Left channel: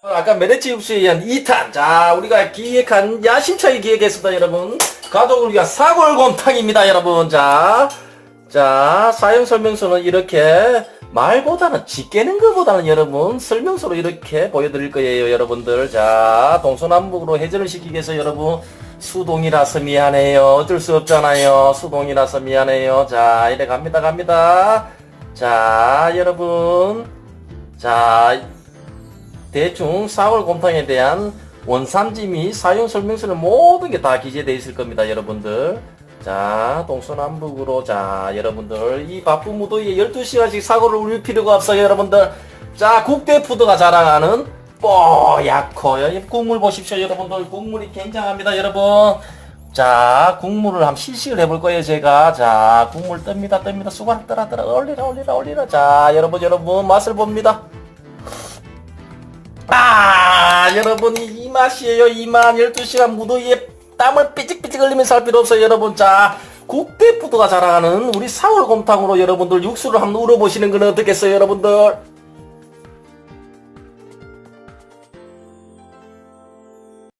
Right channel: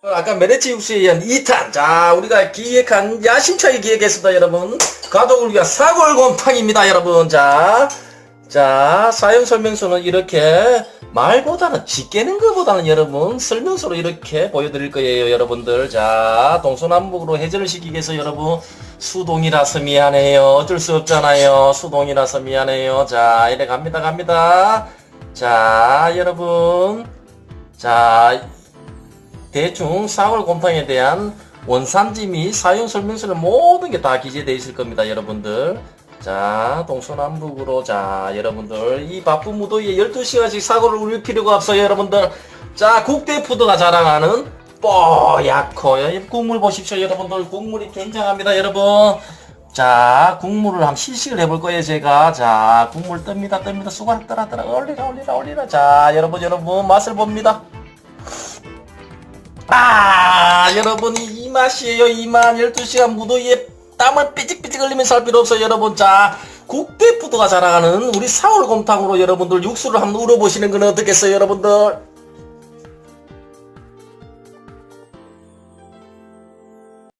아까 메레치 육수에 의한 2탄. 자, 우리가 기획한 야심차게 기획했습니다, 여러분. 가족을 위한 사골곰탕입니다, 여러분. 자, 자, 사용 설명서는 이렇게 말보다는 짓깨는 것보다는 여러분 설명서로 이렇게 보여드릴 거예요, 여러분들. 자, 동서남북으로 해전을 시키기 위해서 여러분 수동이라서 미안해요. 어쩔 수 없잖아요. 수동이라서 미안해요. 자, 이래 갑니다, 갑니다. 자, 여러분. 자, 대충 사골곰탕에 대한 원산지 및 사용 설명서는 모든 게 다 기재되어 있을 겁니다, 여러분들. 자, 동서남북으로, 자, 여러분들. 이 바쁜 무더위에 12시간씩 사고를 울릴 필요가 없어요, 여러분들. 자, 국대푸드가 자랑하는 뽀얗고요. 국물 보십시오, 여러분들. 국물이 굉장합니다, 여러분. 자, 국물을 한번 실식을 해볼 거예요, 제가. 자, 국물 뜹니다, 뜹니다. 수건 떠라, 떠라. 올리라, 올리라, 올리라. 자, 여러분, 여러분, 맛을 봅니다. 아, 여러분, 이, 이 맛이에요, 이 맛. 12시간 무더위에 땀을 삐직삐직 흘리면서 할 필요 없어요, 여러분. 자, 국대푸드가 자랑하는 우리 사월곰탕으로 여러분들 육수를 한번 우려보시는 건 어떻겠어요, 여러분들?